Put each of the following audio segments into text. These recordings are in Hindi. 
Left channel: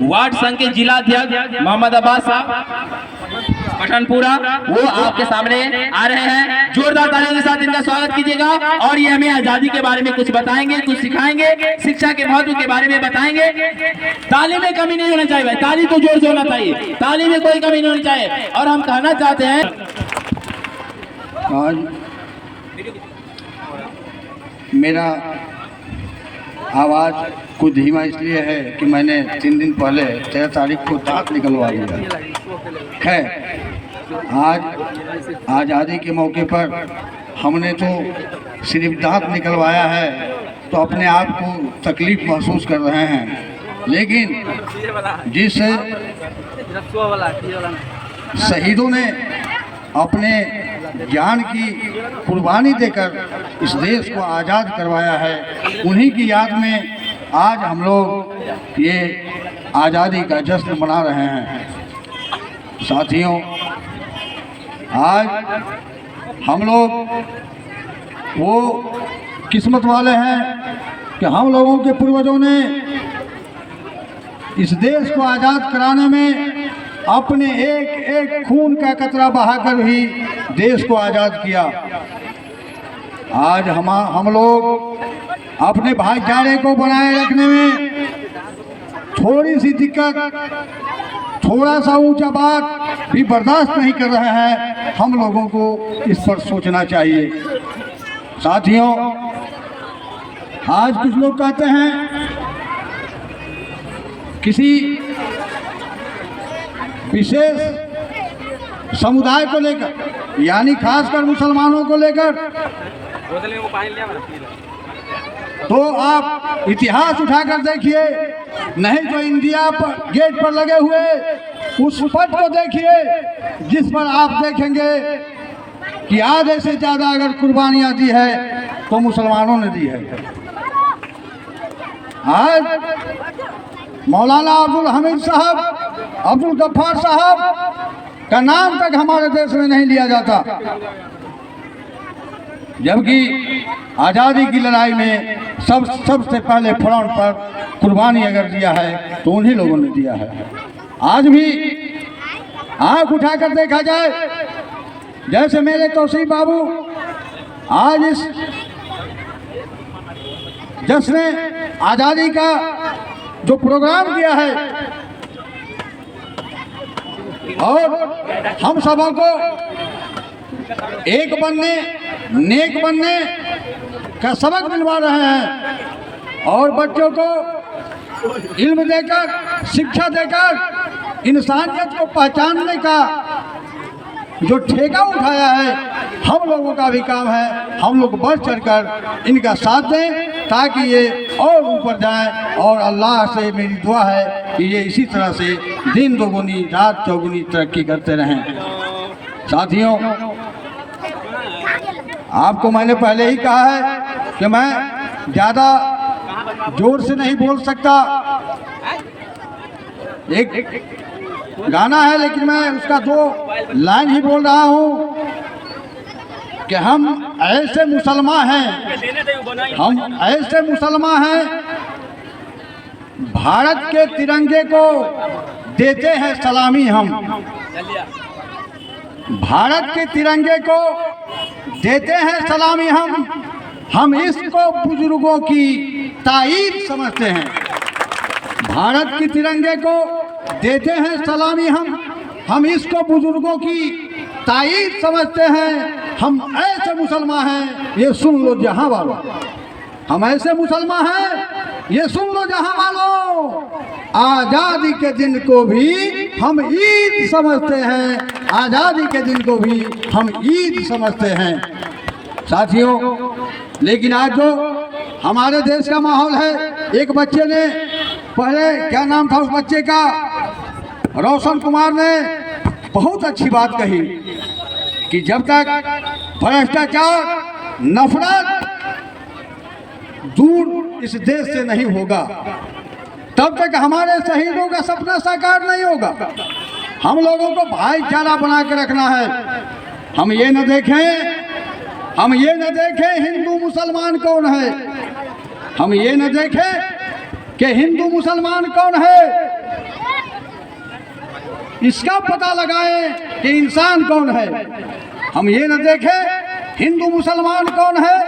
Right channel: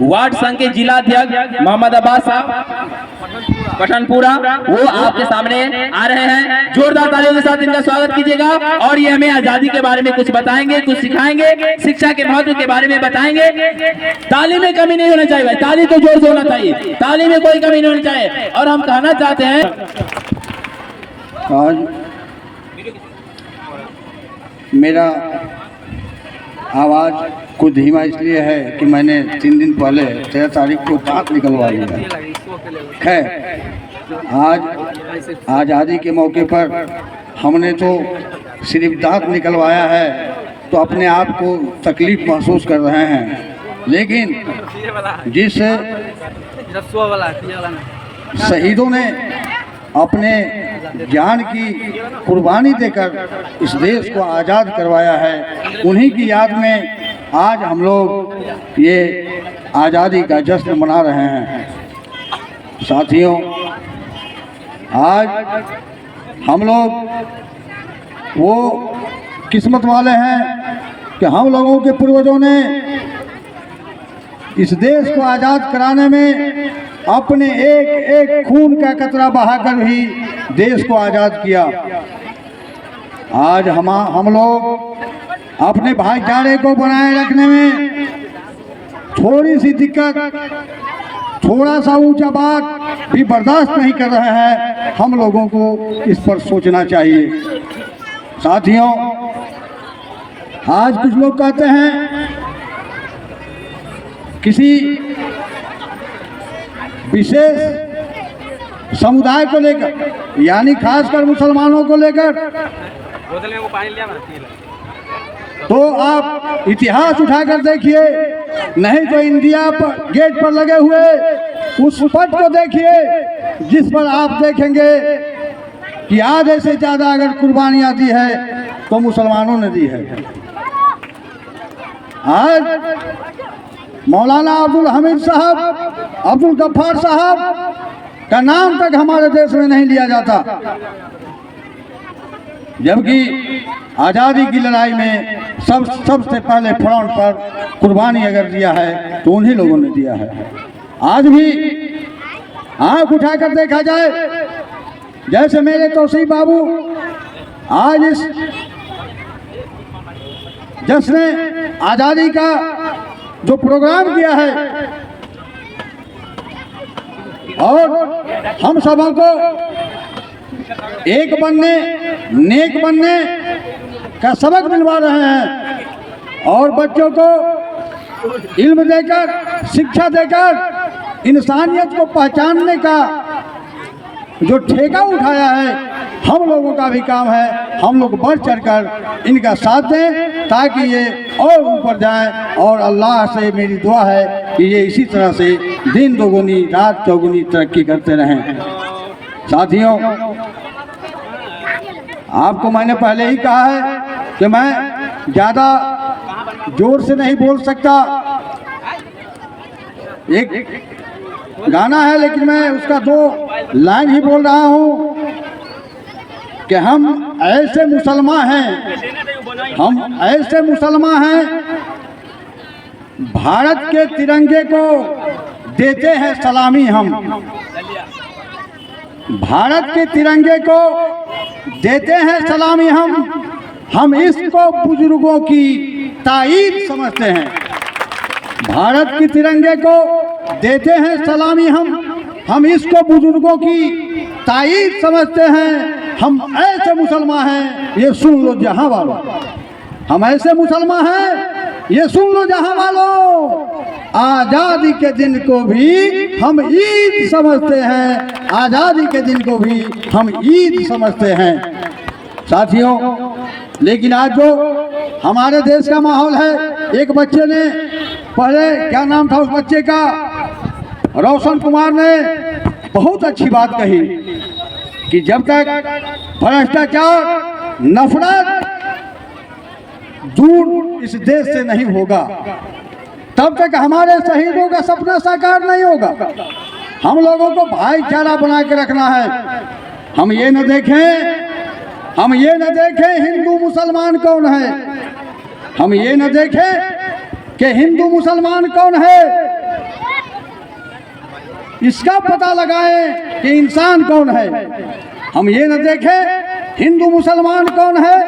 वार्ड संघ के जिला अध्यक्ष मोहम्मद अब्बास साहब पठानपुरा, वो आपके सामने आ रहे हैं। जोरदार तालियों के साथ इनका स्वागत कीजिएगा। और ये हमें आजादी के बारे में कुछ बताएंगे, कुछ सिखाएंगे, शिक्षा के महत्व के बारे में बताएंगे। ताली में कमी नहीं होना चाहिए, ताली तो जोर से होना चाहिए, ताली में कोई कमी नहीं होनी चाहिए। और हम कहना चाहते हैं, आज मेरा आवाज़ कुछ धीमा इसलिए है कि मैंने 3 दिन पहले 13 तारीख को दांत निकलवा लिया। खैर, आज आज़ादी के मौके पर हमने तो सिर्फ दांत निकलवाया है, तो अपने आप को तकलीफ महसूस कर रहे हैं। लेकिन जिस शहीदों ने अपने जान की कुर्बानी देकर इस देश को आज़ाद करवाया है, उन्हीं की याद में आज हम लोग ये आज़ादी का जश्न मना रहे हैं। साथियों, आज हम लोग वो किस्मत वाले हैं कि हम लोगों के पूर्वजों ने इस देश को आज़ाद कराने में अपने एक एक खून का कतरा बहाकर भी देश को आज़ाद किया। आज हम लोग अपने भाईचारे को बनाए रखने में थोड़ी सी दिक्कत, थोड़ा सा ऊंचा बात भी बर्दाश्त नहीं कर रहे हैं। हम लोगों को इस पर सोचना चाहिए। साथियों, आज कुछ लोग कहते हैं किसी विशेष समुदाय को लेकर, यानी खासकर मुसलमानों को लेकर, तो आप इतिहास उठाकर देखिए, नहीं तो इंडिया पर गेट पर लगे हुए उस पट को देखिए जिस पर आप देखेंगे कि आधे से ज़्यादा अगर कुर्बानियाँ दी है तो मुसलमानों ने दी है। आज मौलाना अब्दुल हमीद साहब, अब्दुल गफ्फार साहब का नाम तक हमारे देश में नहीं लिया जाता, जबकि आज़ादी की लड़ाई में सबसे पहले फ्रंट पर कुर्बानी अगर दिया है तो उन्हीं लोगों ने दिया है। आज भी आंख उठाकर देखा जाए, जैसे मेरे तौसीफ बाबू आज इस जश्न आज़ादी का जो प्रोग्राम किया है और हम सबों को एक बनने, नेक बनने का सबक दिलवा रहे हैं और बच्चों को इल्म देकर, शिक्षा देकर इंसानियत को पहचानने का जो ठेका उठाया है, हम लोगों का भी काम है। हम लोग बढ़ चढ़कर इनका साथ दें ताकि ये और ऊपर जाए। और अल्लाह से मेरी दुआ है कि ये इसी तरह से दिन दोगुनी रात चौगुनी तरक्की करते रहें। साथियों, आपको मैंने पहले ही कहा है कि मैं ज़्यादा जोर से नहीं बोल सकता। एक गाना है लेकिन मैं उसका 2 लाइन ही बोल रहा हूँ कि हम ऐसे मुसलमान हैं, हम ऐसे मुसलमान हैं, भारत के तिरंगे को देते हैं सलामी। हम भारत के तिरंगे को देते हैं सलामी। हम इसको बुजुर्गों की ताईद समझते हैं। भारत के तिरंगे को देते हैं सलामी। हम इसको बुजुर्गों की ताईद समझते हैं। हम ऐसे मुसलमान हैं, ये सुन लो जहां वालों, हम ऐसे मुसलमान हैं, ये सुन लो जहां वालों, आज़ादी के दिन को भी हम ईद समझते हैं। आज़ादी के दिन को भी हम ईद समझते हैं। साथियों, लेकिन आज जो हमारे देश का माहौल है, एक बच्चे ने पहले, क्या नाम था उस बच्चे का, रोशन कुमार ने बहुत अच्छी बात कही कि जब तक भ्रष्टाचार, नफरत दूर इस देश से नहीं होगा, तब तक हमारे शहीदों का सपना साकार नहीं होगा। हम लोगों को भाईचारा बना के रखना है। हम ये न देखें हिंदू मुसलमान कौन है, हम ये न देखें कि हिंदू मुसलमान कौन है, इसका पता लगाएं कि इंसान कौन है। हम ये न देखें हिंदू मुसलमान कौन है,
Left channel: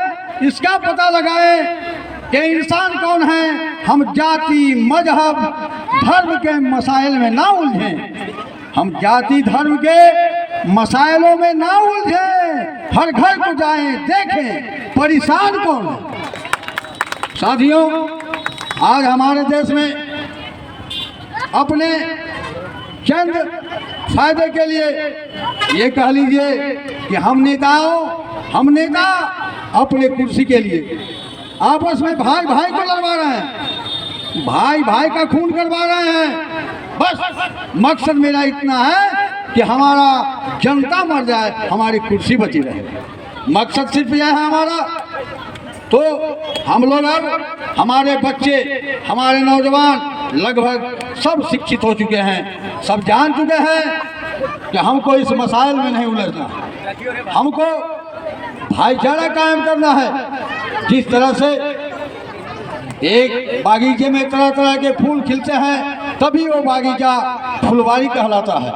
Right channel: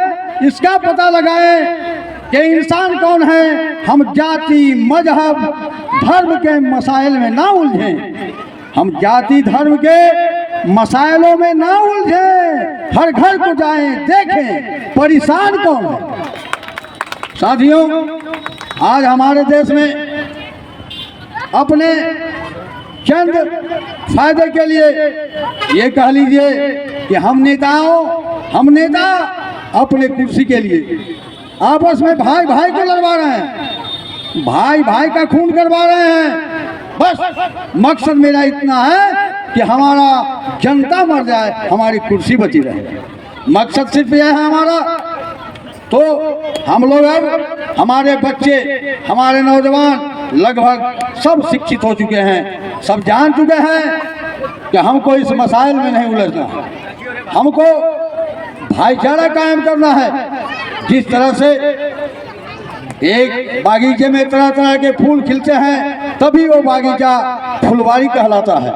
इसका पता लगाएं कि इंसान कौन है। हम जाति मजहब धर्म के मसाइल में ना उलझें, हम जाति धर्म के मसाइलों में ना उलझें। हर घर को जाएं, देखें परेशान कौन है। साथियों, आज हमारे देश में अपने चंद फायदे के लिए ये कह लीजिए कि हम नेता अपने कुर्सी के लिए आपस में भाई भाई को लड़वा रहे हैं, भाई भाई का खून करवा रहे हैं। बस मकसद मेरा इतना है कि हमारा जनता मर जाए, हमारी कुर्सी बची रहे। मकसद सिर्फ यह है हमारा। तो हम लोग अब हमारे बच्चे, हमारे नौजवान लगभग सब शिक्षित हो चुके हैं, सब जान चुके हैं कि हमको इस मसाइल में नहीं उलझना, हमको भाईचारा कायम करना है। जिस तरह से एक बागीचे में तरह तरह के फूल खिलते हैं तभी वो बागीचा फुलवारी कहलाता है,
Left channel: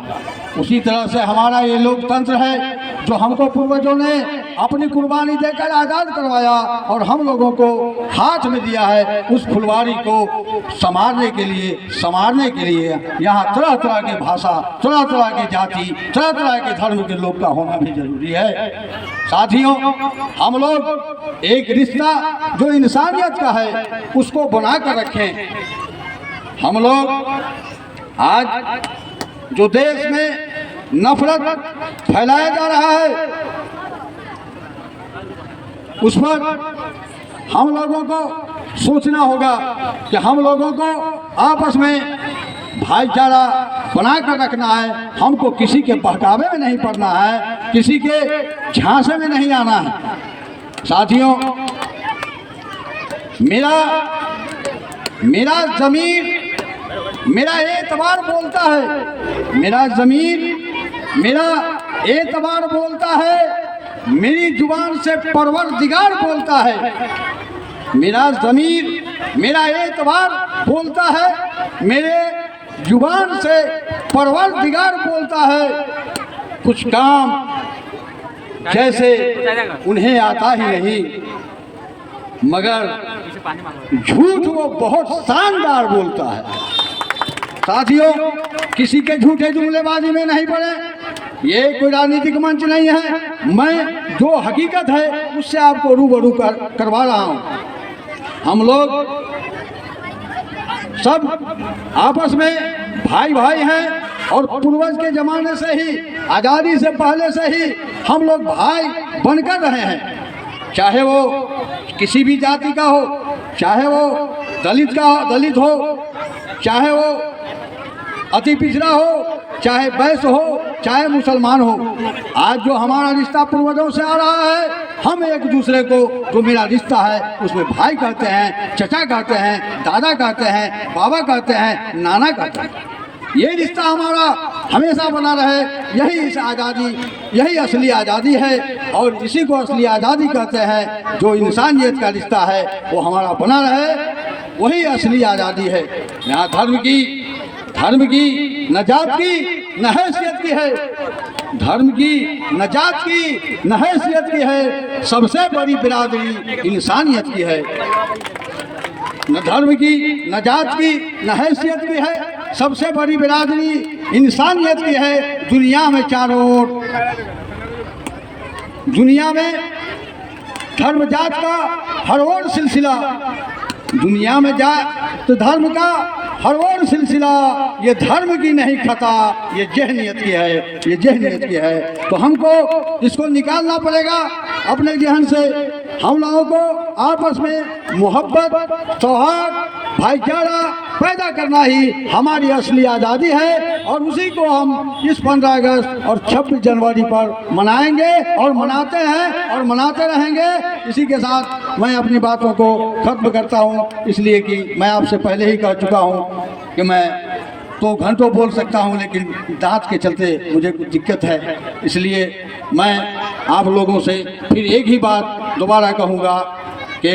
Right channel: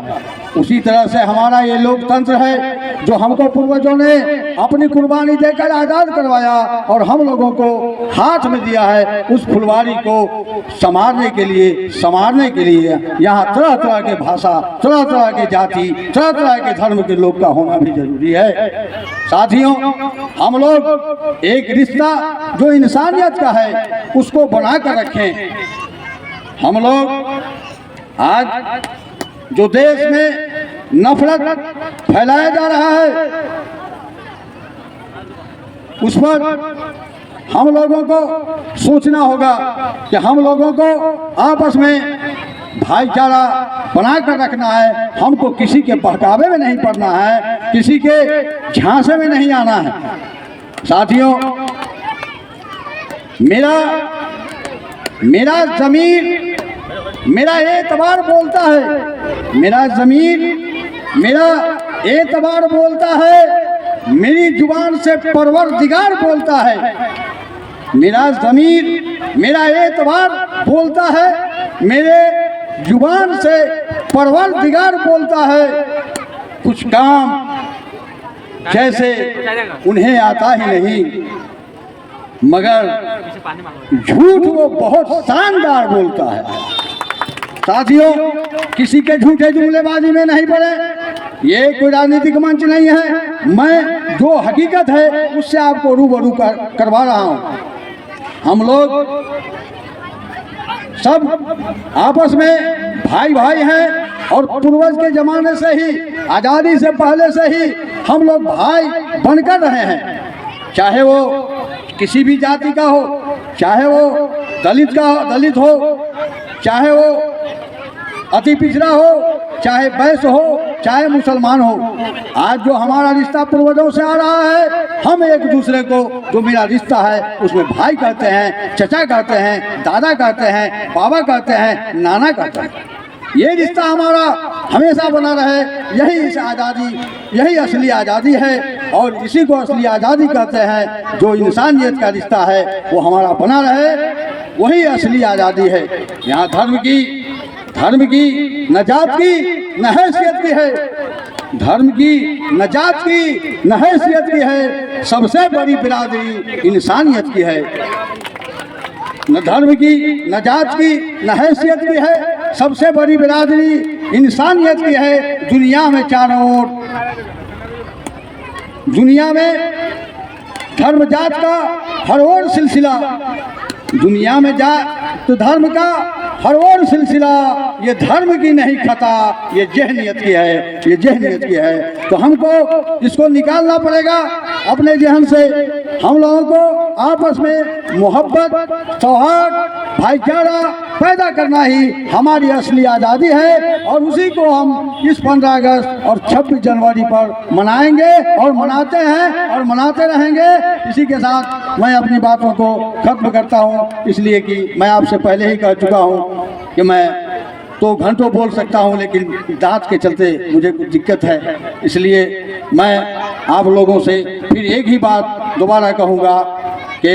उसी तरह से हमारा ये लोकतंत्र है जो हमको पूर्वजों ने अपनी कुर्बानी देकर आज़ाद करवाया और हम लोगों को हाथ में दिया है। उस फुलवारी को संवारने के लिए यहाँ तरह तरह के भाषा, तरह तरह के जाति, तरह तरह के धर्म के लोग का होना भी जरूरी है। साथियों, हम लोग एक रिश्ता जो इंसानियत का है उसको बना कर रखें। हम लोग आज जो देश में नफरत फैलाया जा रहा है उस पर हम लोगों को सोचना होगा कि हम लोगों को आपस में भाईचारा बना कर रखना है। हमको किसी के बहकावे में नहीं पड़ना है, किसी के झांसे में नहीं आना है। साथियों, मेरा ज़मीर मेरा एतबार बोलता है, मेरा ज़मीर मेरा एतबार बोलता है, मेरी जुबान से परवरदिगार बोलता है। मेरा ज़मीर मेरा एतबार बोलता है, मेरे जुबान से परवरदिगार बोलता है। कुछ काम जैसे उन्हें आता ही नहीं, मगर झूठ वो बहुत शानदार बोलता है। साथियों, किसी के झूठे जुमलेबाजी में नहीं पड़े, ये कोई राजनीतिक मंच नहीं है। मैं जो हकीकत है उससे आपको रूबरू करवा रहा हूँ। हम लोग सब आपस में भाई भाई हैं और पूर्वज के ज़माने से ही, आज़ादी से पहले से ही हम लोग भाई बनकर रहे हैं। चाहे वो किसी भी जाति का हो, चाहे वो दलित हो, चाहे वो अति पिछड़ा हो, चाहे वैश्य हो, चाहे मुसलमान हो। आज जो हमारा रिश्ता पूर्वजों से आ रहा है, हम एक दूसरे को जो मेरा रिश्ता है उसमें भाई कहते हैं, चचा कहते हैं, दादा कहते हैं, बाबा कहते हैं, नाना कहते हैं। ये रिश्ता हमारा हमेशा बना रहे, यही असली आज़ादी है और इसी को असली आज़ादी कहते हैं। जो इंसानियत का रिश्ता है वो हमारा बना रहे, वही असली आज़ादी है। यहाँ धर्म की न जात की न हैसियत की है, धर्म की न जात की न हैसियत की है, सबसे बड़ी बिरादरी इंसानियत की है। न धर्म की न जात की न हैसियत की है, सबसे बड़ी बिरादरी इंसानियत की है। दुनिया में चारों ओर, दुनिया में धर्म जात का हर ओर सिलसिला, दुनिया में तो धर्म का हर ओर सिलसिला, ये धर्म की नहीं खता, ये जहनियत की है, ये जहनियत की है। तो हमको इसको निकालना पड़ेगा अपने जहन से। हम लोगों को आपस में मोहब्बत, सौहार्द, भाईचारा पैदा करना ही हमारी असली आज़ादी है और उसी को हम इस 15 अगस्त और 26 जनवरी पर मनाएंगे और मनाते हैं और मनाते रहेंगे। इसी के साथ मैं अपनी बातों को खत्म करता हूँ, इसलिए कि मैं आपसे पहले ही कह चुका हूँ कि मैं तो घंटों बोल सकता हूँ, लेकिन दांत के चलते मुझे कुछ दिक्कत है। इसलिए मैं आप लोगों से फिर एक ही बात दोबारा कहूँगा कि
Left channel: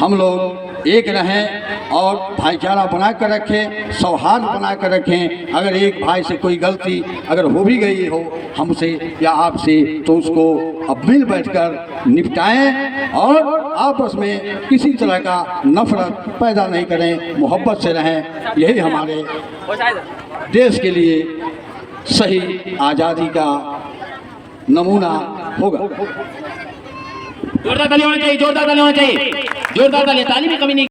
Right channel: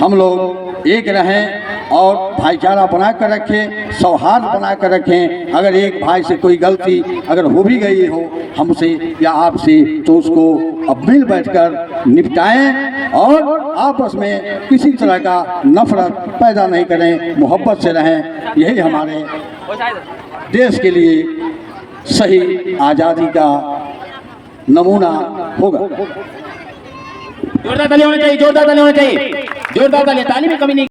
हम लोग एक रहें, और भाईचारा बना कर रखें, सौहार्द बना कर रखें। अगर एक भाई से कोई गलती अगर हो भी गई हो हमसे या आपसे, तो उसको अब मिल बैठकर निपटाएं और आपस में किसी तरह का नफरत पैदा नहीं करें, मोहब्बत से रहें। यही हमारे देश के लिए सही आज़ादी का नमूना होगा। जोरदार ताली होनी चाहिए, जोरदार ताली होनी चाहिए, जोरदार ताली, ताली में कमी नहीं।